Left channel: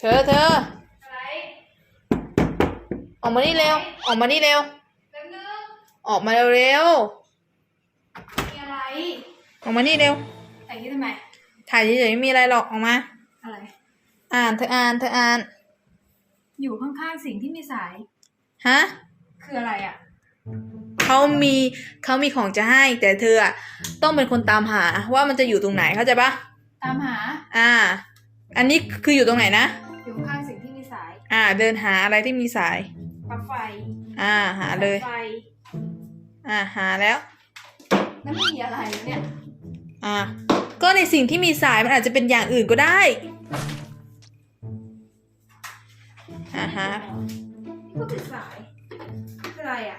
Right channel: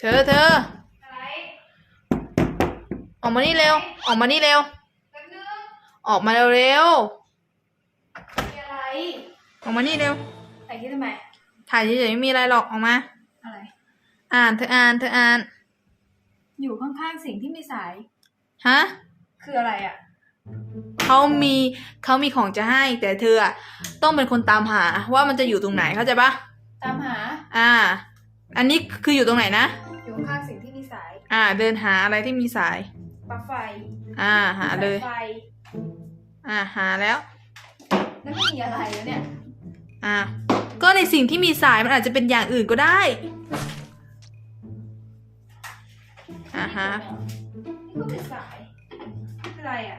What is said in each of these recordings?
เธอเธออะไรออกมานี่เร็ว ออกมานี่เร็ว แป๊บนึงออกมาเร็วเร็วมีอะไรออกมานี่เร็วแต่คิดทำไม ถ่ายเฉยๆไม่มีอะไรหรอกออกมา อะไร อ่านเธออ่านเธออ่าน อยู่ข้างๆสิ่งที่มีสาย ฮะ คืออะไรอะ เขามีเขามีของจะให้ แต่เธออะต้องเป็นคนตามหาว่ามันจะอยู่ตรงไหนเข้าใจปะตามหา อ่า อันนี้คืออยู่ตรงไหนนะ อ่า เดินหาอะไรที่มีสาย ปลั๊กไฟอ่า หาเลยสไฟอ่า หาแล้ว แล้วไม่มีอะไรแล้วเนี่ยอ่า ก็ในสิ่งที่มีสายมันอาจจะเป็นอย่างอื่นก็ได้อ่าฮะนี่ก็เป็นสายคืออะไรอะ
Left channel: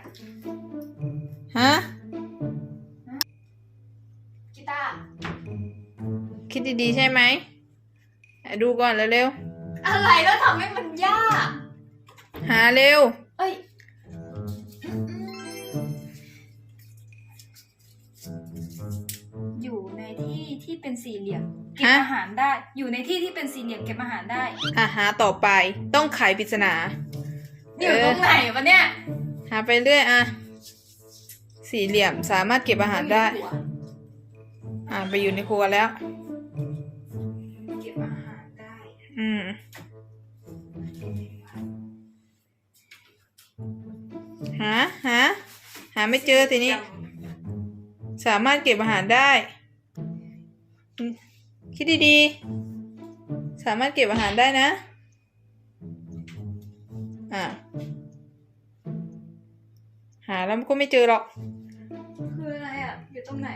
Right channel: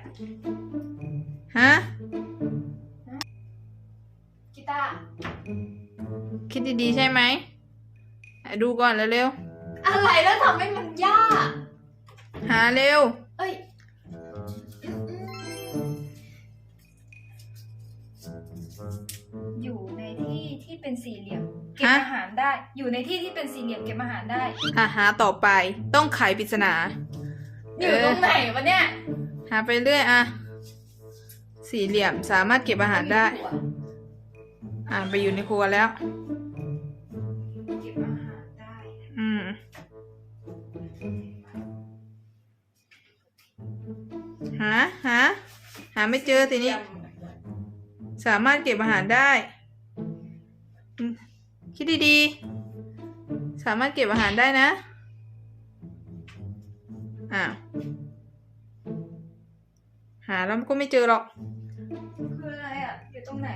ฮะกีตาร์คิดดีๆใช่ไหมไหนดูก่อนเร็วอะไรแล้วทำให้มันยากๆ หาเร็ว เอ้ยอยู่ในที่ที่เป็นสี่เหลี่ยมเก็บฮะ อาหารได้ อยู่ในที่ที่เป็นสี่เหลี่ยมเก็บอาหารได้อ่าหาต่อไปต้องไขปริศนา อยู่ตรงไหนวะเนี่ยหาไปเรื่อยอะ สี่เหลี่ยมสามารถเก็บอาหารได้ อ่าไปอยู่ในครัวแล้ว เก็บอาหารได้ อืม ไม่เจอทีนี้ สามารถเก็บอาหารได้อืมคิดดีๆ สามารถเก็บอาหารได้นะ อ่า หาแล้วก็ไม่เจอหรอก คืออะไรอะ อยู่ตรงไหน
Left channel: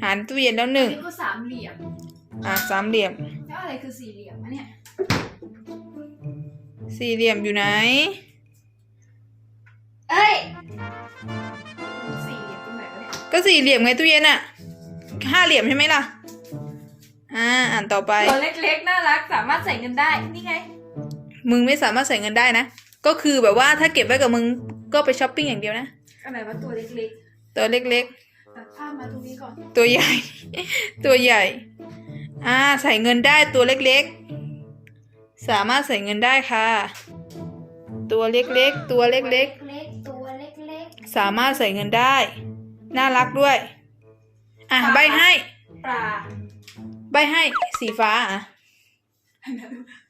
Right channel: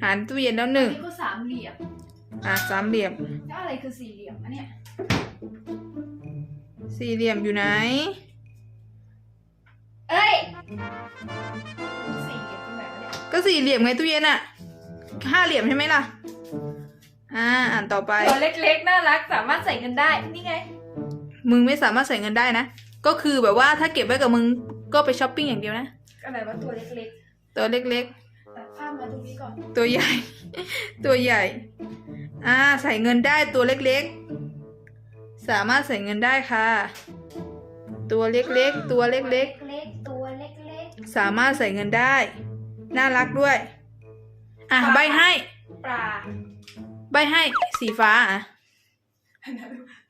หาในตู้เย็นแล้วหนึ่งนี่ก็สามเหลี่ยม อะสามเหลี่ยม สี่เหลี่ยมอยู่ไหน เอ้ยสี่เหลี่ยมตรงไหนวะเนี่ยก็สี่เหลี่ยมไงตู้เย็นอะห้าเหลี่ยมใช่ไหมล่ะ อ่า อ่านต่อไป ตัวเล็กๆ น่ารัก สามารถใส่เงินได้ นี่ไง มึงไม่สามารถใส่เงินได้นะ ก็คือแบบว่าถ้าเก็บไว้กับมึงก็ไปช้อปปิ้งอย่างเดียวนะ อะไรวะตัวเล็กตัวเล็กๆตัดข้ามมาตรงนี้ก่อนๆตัวใหญ่ ตัวใหญ่ อ่า ใส่เงินได้ตัวเล็กๆ สามารถใส่เงินได้ค่ะ ตัวเล็กๆ ตัวเล็กเล็กๆตัวเล็กๆ สามารถใส่เงินได้ น่ารักด้วย อะใบให้ๆปลาใบให้สีฟ้าอะ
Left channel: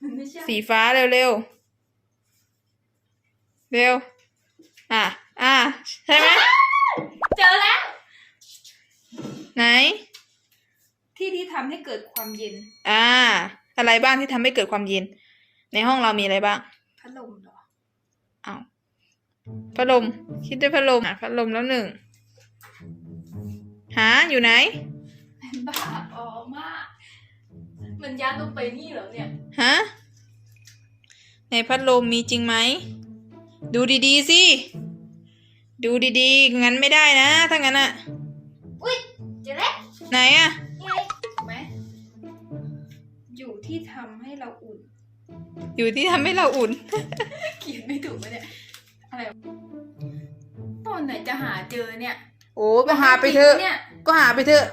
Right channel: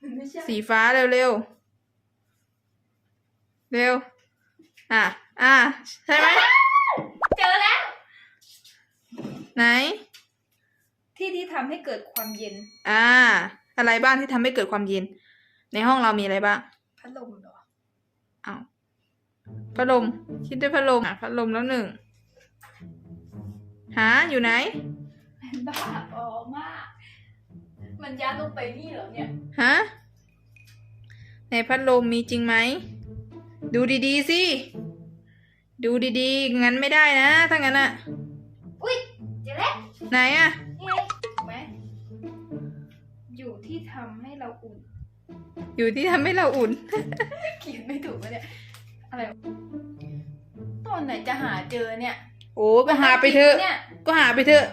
มันไม่ใช่สีฟ้าเร็วเร็วๆเร็ว อะ อะ ใช่ไหม เจอแล้ว ไหน ที่ที่ทำให้เกิดความเย็น อ่า อะไรบ้างที่ทำให้เกิดความเย็น ในห้องเรามีอะไรบ้าง พัดลมเหรออ้าวพัดลม คิดด้วยพัดลมอะพัดลมแล้วหนึ่ง หาอยู่ไหนบ้าอ๋อมาก มันยัดลงไปนี่เหรอเนี่ย ฮะ ในพัดลมมีจริงไหม ดูดีๆสิ ดูดีๆ งั้นไม่ได้นะ ถ้างั้นอะอุ้ยเจอแล้วไหนอะ ที่ทำให้เราอุ่น อยู่ที่ทำให้เราอุ่น เขียนไม่ถูกวะเนี่ย อะไรวะตอนไหนจะหาเจอเนี่ยโอ้ไปหาไปเถอะ เนี่ยก็หาไปเถอะ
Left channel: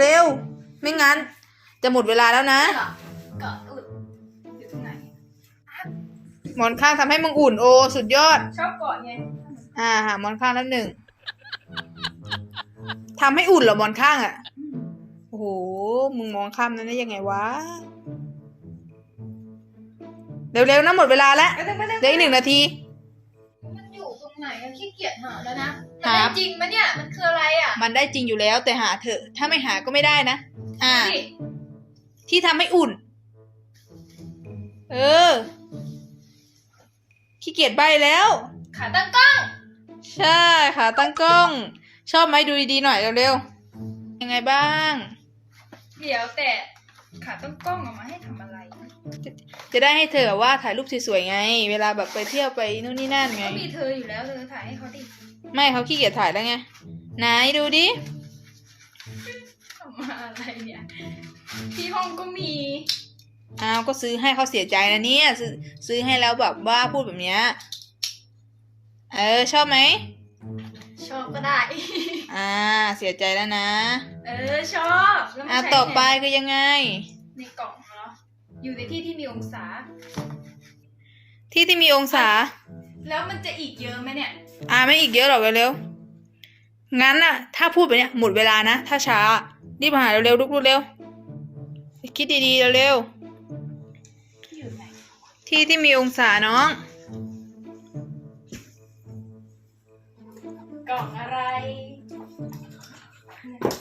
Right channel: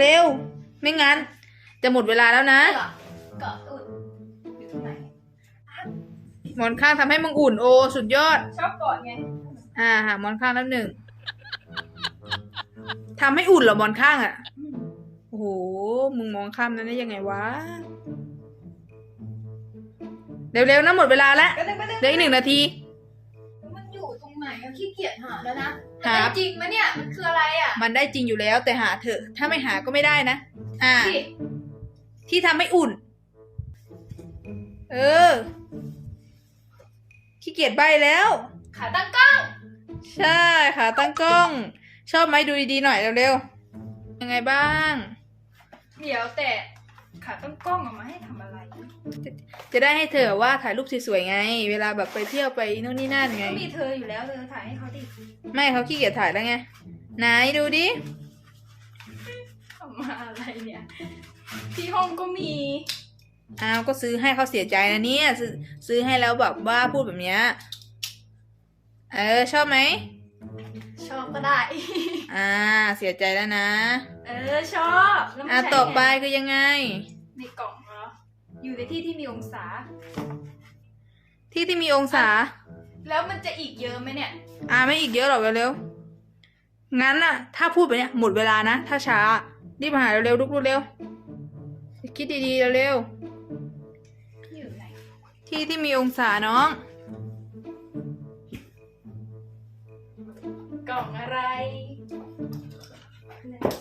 เร็วๆ ไม่งั้น จะหมดเวลาแล้วนะ เหรอเกาะอุ่นอยู่ตรงไหน หมอนข้างทำให้มึงอุ่นโอ้สุดยอด ชอบเกาะไง อ่าหาหมอนข้างแล้วหนึ่งทำให้อุ่นเหรอหมอนข้างอะ่ะอืมโอ้โห มึงมองข้ามนั้นได้ยังไงวะ เร็วๆนะหมดเวลาแล้วไปเลยไปเลยเหลืออีกหนึ่งนาที มันอยู่ตรงไหนอะขี้เกียจหาแล้วนะหาแต่จริงไหมเนี่ย มันคืออะไรอะมันได้จริงอยู่แล้วแต่หาเถอะ ถ้าไม่หาก็ไม่ได้นะ อ่านี่ที่ทำให้อุ่น เออ ขี้เกียจใบแล้ว ขาตั้งกล้องใช่ค่ะตั้งกล้อง ชอบไหมดูดีๆหน่อยเร็วๆยังไงบ้าง เดี๋ยวแต่ ขาตั้งกล้องเอามาให้ทำอะไรจะได้ให้เธอแบบว่าถ่ายรูปสวยๆไง เวลาแบบไปเที่ยวไปนู่นนี่นั่นไง ก็มีเธออยู่แล้วเธอถ่ายให้เขาดิไม่เขาขี้เกียจถ่ายแล้วไงไหนดูดิทำมาอะไรเนี่ย ที่ห้องก็มีอ้าวก็ซื้อให้เขาเสียใจนะเนี่ยซื้อซื้อให้แล้วแบบว่าพูดแบบเนี้ยเออชอบไหม ชชอบก็ได้ อ่า เสียใจแล้วนะ เออชอบแล้วมันอ่าใช้ต่อไปไงคือยังไง ในกล่องเหรอ อยู่ในที่ที่มีองศา ที่ที่มีองศา แล้วมันจะอีกเยอะไหมเนี่ย อ่าไม่อีกเยอะหรอกเร็วๆงั้นน่ะ ถ้าพูดไปเนี่ยหมดเวลานะ ถ้าช้ารีบหาเร็วๆลุกเร็วๆคิดดีๆเร็วที่อยู่ไหน ๆที่ที่มีองศาน้อง กล่องอะไร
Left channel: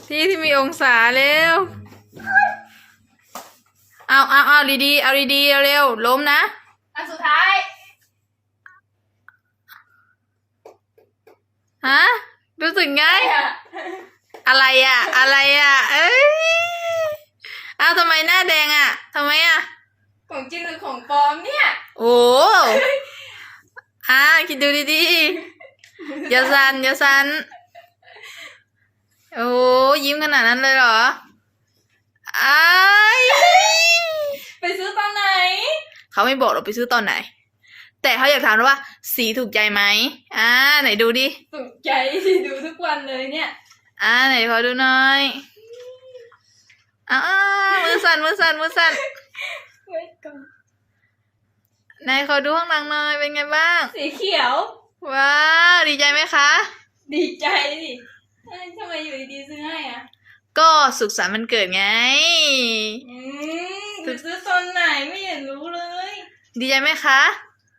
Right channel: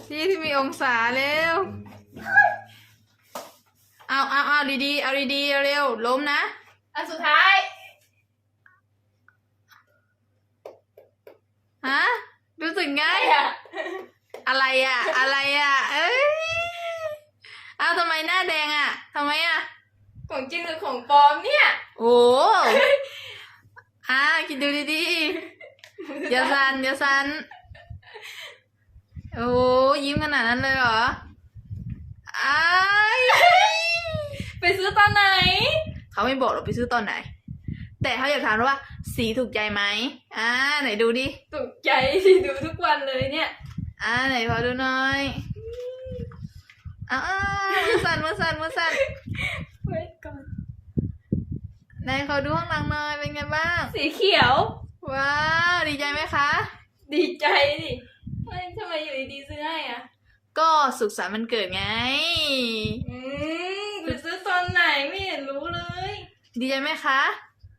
ที่ที่มีองศาเร็ว เอาเอาเอาดีๆ เอาดีๆ เร็วๆล้มนะ อันสุดท้าย ฮะ รู้สึกไงไอ้อะอะไรอะ อะไรอะ เอ้ยอ้าวทำไมหน้าแดงอะทำไมอะ ของจริงหรือของปลอมเนี่ย โอ้ อ่าคิดดูดีๆ อย่าสันอย่าสันโอ้ยิ้มขนาดนั้นเลยเหรออ้ายไปซื้อตอนไหน เขาไม่บอกเราไปซื้อตอนไหน แต่เขาอยากถามว่า สีถูกใจไหมอ่าไหนดูดิตกใจที่ดูทุกวันเลยเนี่ย อ่าไหนขอดูหน่อยอ้าวมือสั่นมือสั่นมือสั่นไว้ก่อนไหนขอดูข้างหลังหน่อยเป็นไงบ้าง สีเขียว ว้าวดีใจไหมคะ ดีใจดิเฮ้ยทำไมอยู่ดีๆซื้อให้อะ ก็สุขสันต์วันเกิดไง อืมไปซื้อตอนไหนไม่เห็นรู้เลย ดีใจไหมคะ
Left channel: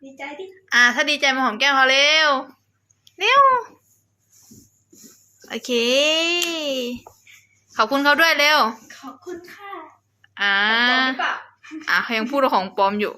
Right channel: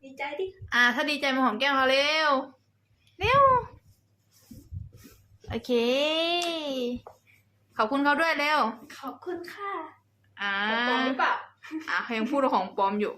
ดีใจดิ อ่า ถ้าดีใจมาหอมแก้มเขาเร็ว เร็ว โอเค ขอบคุณเขาด้วยเร็ว ขอบคุณค่ะอ่าของปลอมหรือเปล่า อ่าเขายังพูดว่าของปลอมอยู่